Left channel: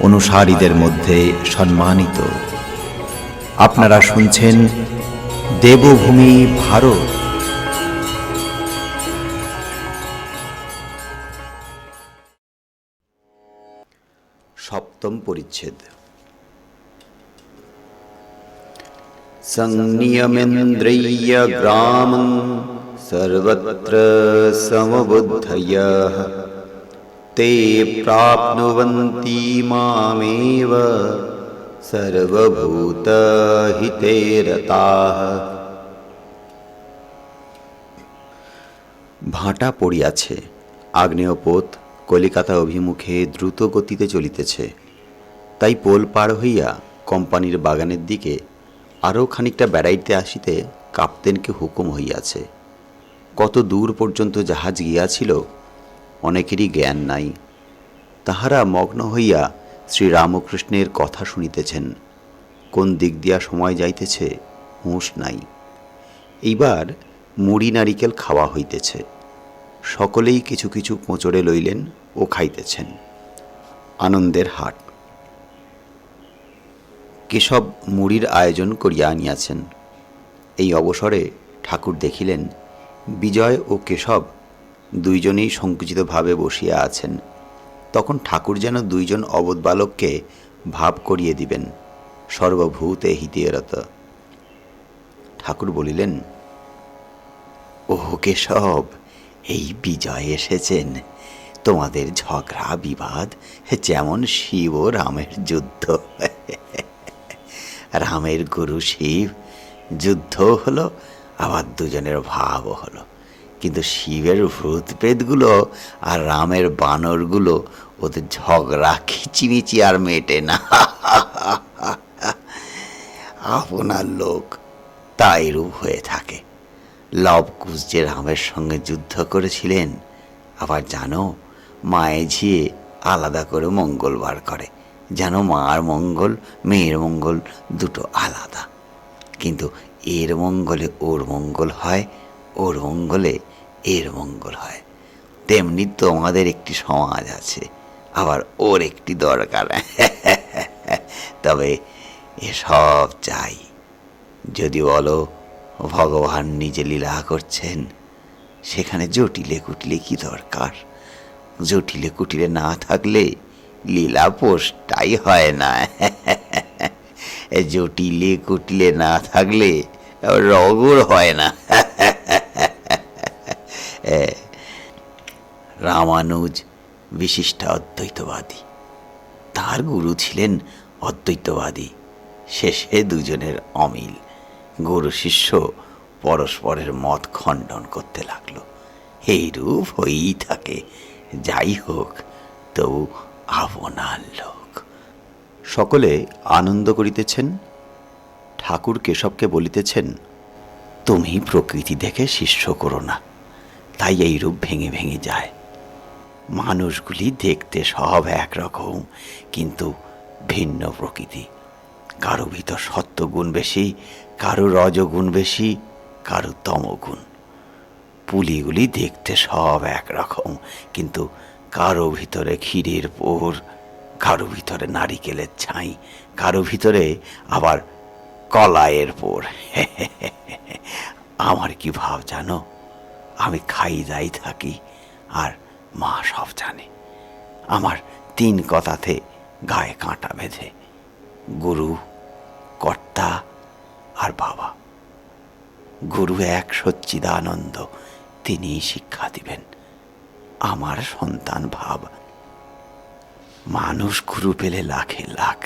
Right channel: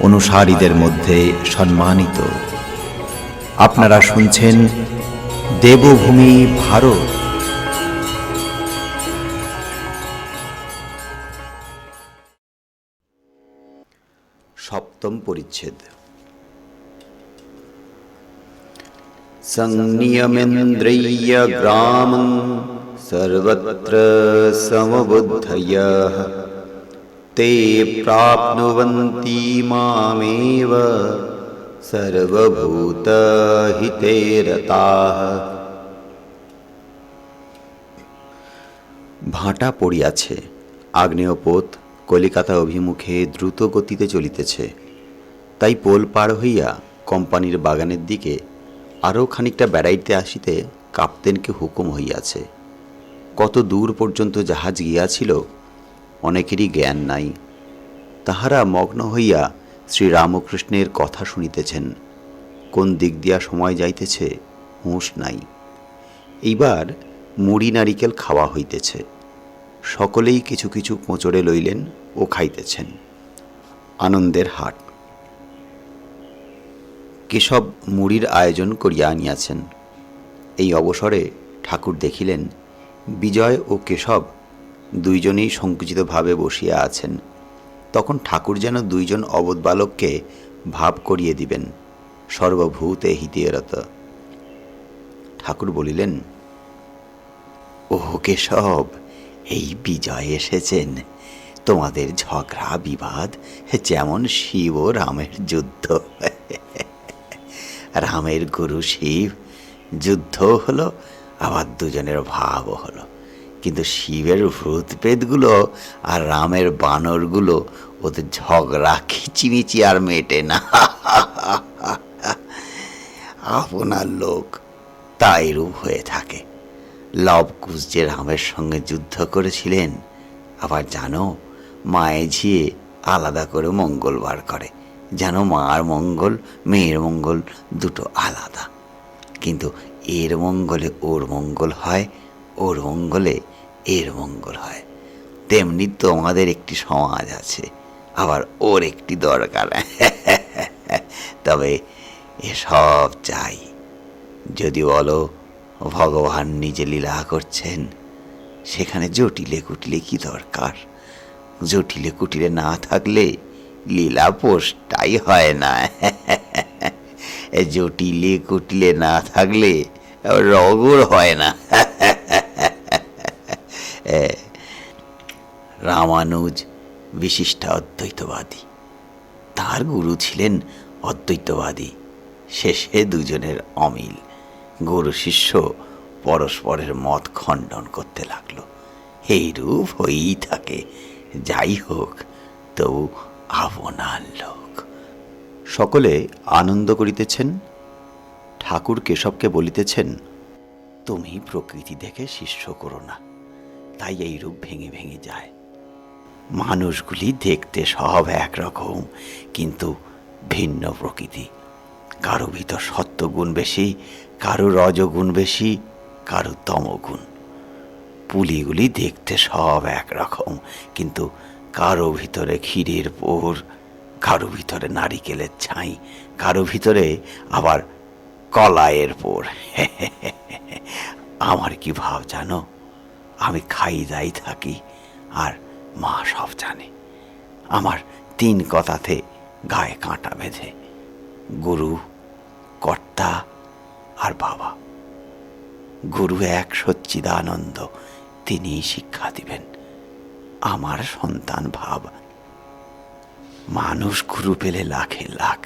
অনুসারীদের মধ্যে সম্মানিত আপনারা শুনছেন দেবভূমি ভারত সপ্তম পরিচ্ছেদ संनियमेन्द्रिय ग्रामं सर्वत्र समबुद्धयः ते प्राप्नुवन्ति मामेव सर्वभूतहिते रताः ভাটা পড়িয়াছে আগ্নেয় পোত কলিকাতা অভিমুখে দ্রুত গতিতে চলিতেছে তাই পোল পার হইয়া কোম্পানির বাগানের দিকে আরও খানিকটা বেড়াইতে আসিতে কাপ্তেনকে হুকুম হইয়াছে কত দূর পর্যন্ত জাহাজ গিয়াছিল অনেকেরই জ্ঞান নাই। তাহারা মগ্ন হইয়া শ্রীরামকৃষ্ণের কথা শুনিতেছেন। কোন দিক দিয়া সময় যাইতেছে, হুঁশ নাই। এইবার মুড়ি নারিকেল খাওয়া হইতেছে। সকলেই কিছু কিছু কোঁচড়ে লইলেন ও খাইতেছেন। আনন্দের হাট। কেশব মুড়ির আয়োজন করিয়া আনিয়াছেন। এই অবসরে ঠাকুর দেখিলেন, বিজয় ও কেশব দুইজনেই সংকুচিতভাবে বসিয়া আছেন। তখন ঠাকুর যেন দুইজন অবধ বালককে ভাব করিয়ে দিবেন, সর্বভূতে হিতিয়রত ঠাকুর বলিলেন, ওহ কেশব, এই বিজয় এসেছেন। তোমাদের ঝগড়া বিবাদ যেমন শিব ও রামের যুদ্ধ। রামের গুরু শিব যুদ্ধ হলো, আবার দুজনের ভাবও হলো। কিন্তু শিবের ভূত প্রেতগুলো আর রামের বানরগুলো ওদের ঝগড়া, খিচিমিচি আর মেটে না। আপনার লোক তাই রূপ হয়ে থাকে। লবকুশ যে রামের সঙ্গে যুদ্ধ করেছিলেন, আবার জানো, মায়ে ঝিয়ে আলাদা করে মঙ্গলবার করে। যেন মার মঙ্গল, মেয়ের মঙ্গল দুটো আলাদা। কিন্তু এর মঙ্গলে ওর মঙ্গল হয় ওর মঙ্গলে এর মঙ্গল হয়। তেমনি তোমাদের একটি সমাজ আছে, আবার ওর একটি দরকার। তবে এসব চাই। যদি বলো, ভগবান নিজে লীলা করছেন, সেখানে জটিলে কুটিলে কি দরকার? জটিলে কুটিলে না থাকলে লীলা পোষটাই হয় না। জটিলে কুটিলে না থাকলে রগর হয় না। রামানুজ বিশিষ্ট অদ্বৈতবাদী। তার গুরু ছিলেন অদ্বৈতবাদী, শেষে দুজনের অমিল। গুরু শিষ্য পরস্পরের মত খণ্ডন করতে লাগল। এই রূপ হয়েই থাকে। যাই হোক, তবু আপনার লোক। সকলে আনন্দ করিতেছেন? ঠাকুর কেশবকে বলিতেছেন, তুমি প্রকৃতি দেখে শিষ্য করো না। তাই এই রূপ ভেঙে ভেঙে যায়। মানুষগুলি দেখতে সব একরকম, কিন্তু ভিন্ন প্রকৃতি। কারও ভিতর সত্যগুণ বেশি, কারও রজগুণ বেশি, কারও তমগুণ। পুলিগুলি দেখতে সব একরকম, কিন্তু কারও ভিতরে ক্ষীরের পোর, কারও ভিতরে নারিকেলের ছাই, কারও ভিতরে আবার কলাইয়ের পোর। আমার কি ভাব জানো? আমি খাই দাই থাকি, আর মা সব জানে। আমার তিন কথাতে গায়ে কাঁটা বেঁধে, গুরু, কর্তা আর বাবা। গুরু এক সচ্চিদানন্দ তিনি শিক্ষা দিবেন। আমার সন্তান ভাব, মানুষ গুরু পেলে লাখে লাখ,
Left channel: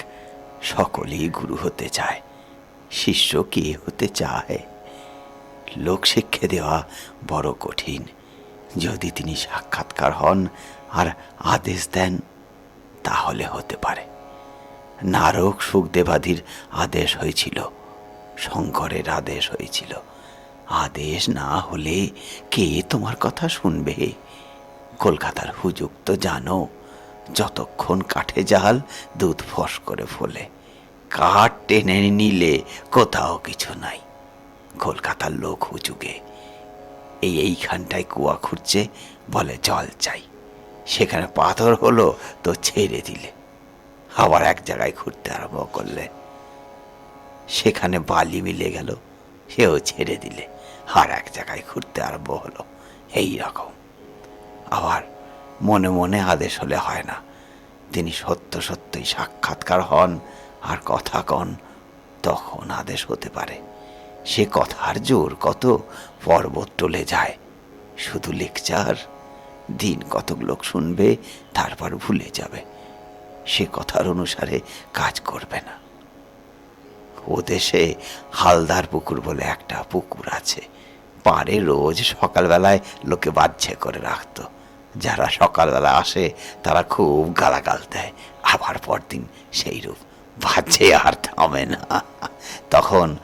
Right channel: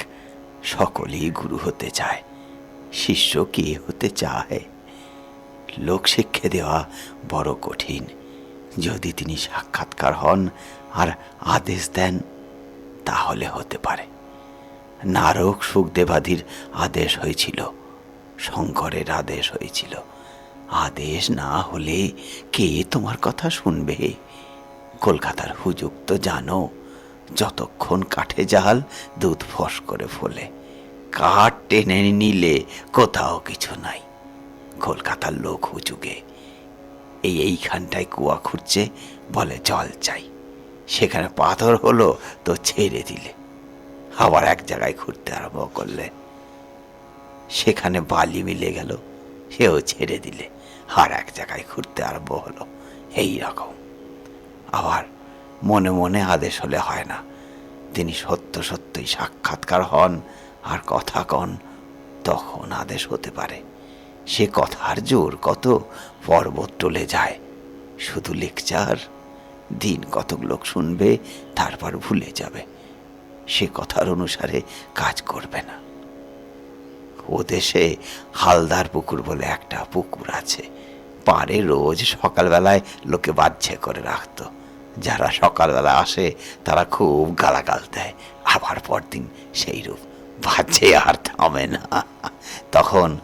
সকলেই গুরু হতে চায়, শিষ্য কি হতে চায়? লোক শিক্ষা দেওয়া বড় কঠিন। যদি তিনি সাক্ষাৎকার হন আর আদেশ দেন, তাহলে হতে পারে। নারক সুখদেবাদির আদেশ হয়েছিল, শঙ্করের আদেশ হয়েছিল। আদেশ না হলে কে তোমার কথা শুনবে? কলকাতার হুজুগ তো জানো, যতক্ষণ কাঠে জাল দুধ ফস করে ফোলে, কাঠ টেনে নিলে কোথাও কিছু নাই। কলকাতার লোক হুজুগে। এই এইখানটায় কুয়া খুঁড়ছে, বলে জল চাই। সেখানে পাথর হলো তো ছেড়ে দিলে। আবার এক জায়গায় ঘুরতে আরম্ভ করলে। সেখানে বালি মিলে গেল, সেও ছেড়ে দিলে। আর এক জায়গায় ঘুরতে আরম্ভ হলো, এই রকম। আবার মনে মনে আদেশ হলে হয় না। তিনি সত্য সত্যই সাক্ষাৎকার হন, আর কথা কন, তখন আদেশ হতে পারে। সে কথার জোর কত পর্বত টলে যায়। শুধু লেকচার, দিন কতক লোক শুনবে, তারপর ভুলে যাবে। সে কথার অনুসারে কাজ করবে না। ও দেশে হালদার পুকুর বলে একটা পুকুর আছে। পারে রোজ সকালবেলায় লোকে বাচ্ছে করে রাখতো। যারা সকালবেলা আসে, তারা খুব গালাগাল দেয়। আবার পরদিন সেই রূপ বাজে আর থামে না। তখন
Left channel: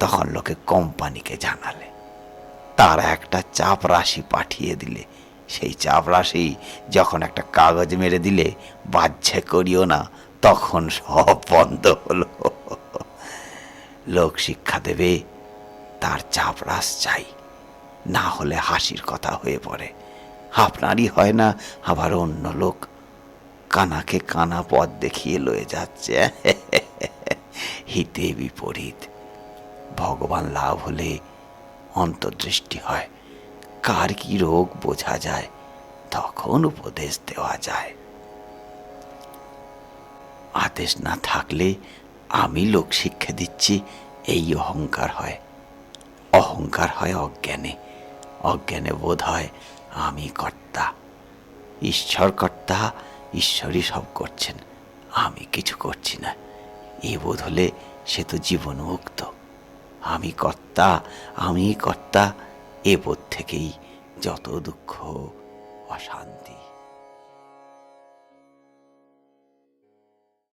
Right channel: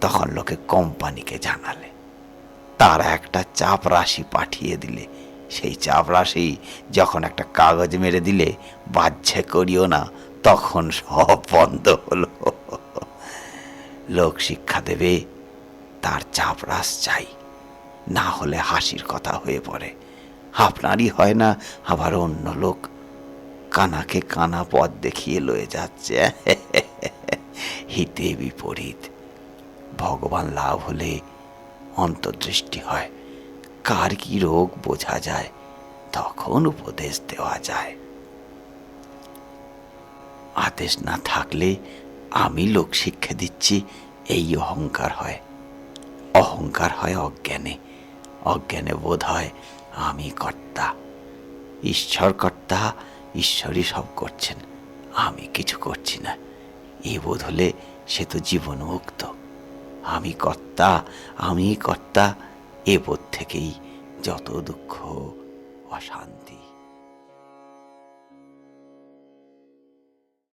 তখন লোকে কোম্পানিকে জানালে। তার একটা চাপ রাশি পাঠিয়ে দিলে। সেই চাপ রাশি যখন একটা কাগজ মেরে দিলে বাচ্ছে করিও না, তখন সব বন্ধ হলো। লোক শিক্ষা দেবে, তার চাপরাস চাই। না হলে হাসির কথা হয়ে পড়ে। আপনারই হয় না, আবার অন্য লোক কানাকে কানা পথ দেখিয়ে লয়ে যাচ্ছে। হিতে বিপরীত। ভগবান লাভ হলে অন্তর্দৃষ্টি হয়। কার কি রোগ বোঝা যায়, তখন উপদেশ দেওয়া যায়। আদেশ না থাকলে আমি লোক শিক্ষা দিচ্ছি, এই অহংকার হয়। অহংকার হয় অজ্ঞানে। অজ্ঞানে বোধ হয় আমি কর্তা। ঈশ্বর কর্তা, ঈশ্বরই সব করছেন। আমি কিছু করছি না। এ বোধ হলে সে তো জীবন মুক্ত আমি কর্তা আমি কর্তা এ থেকেই যত দুঃখ অশান্তি।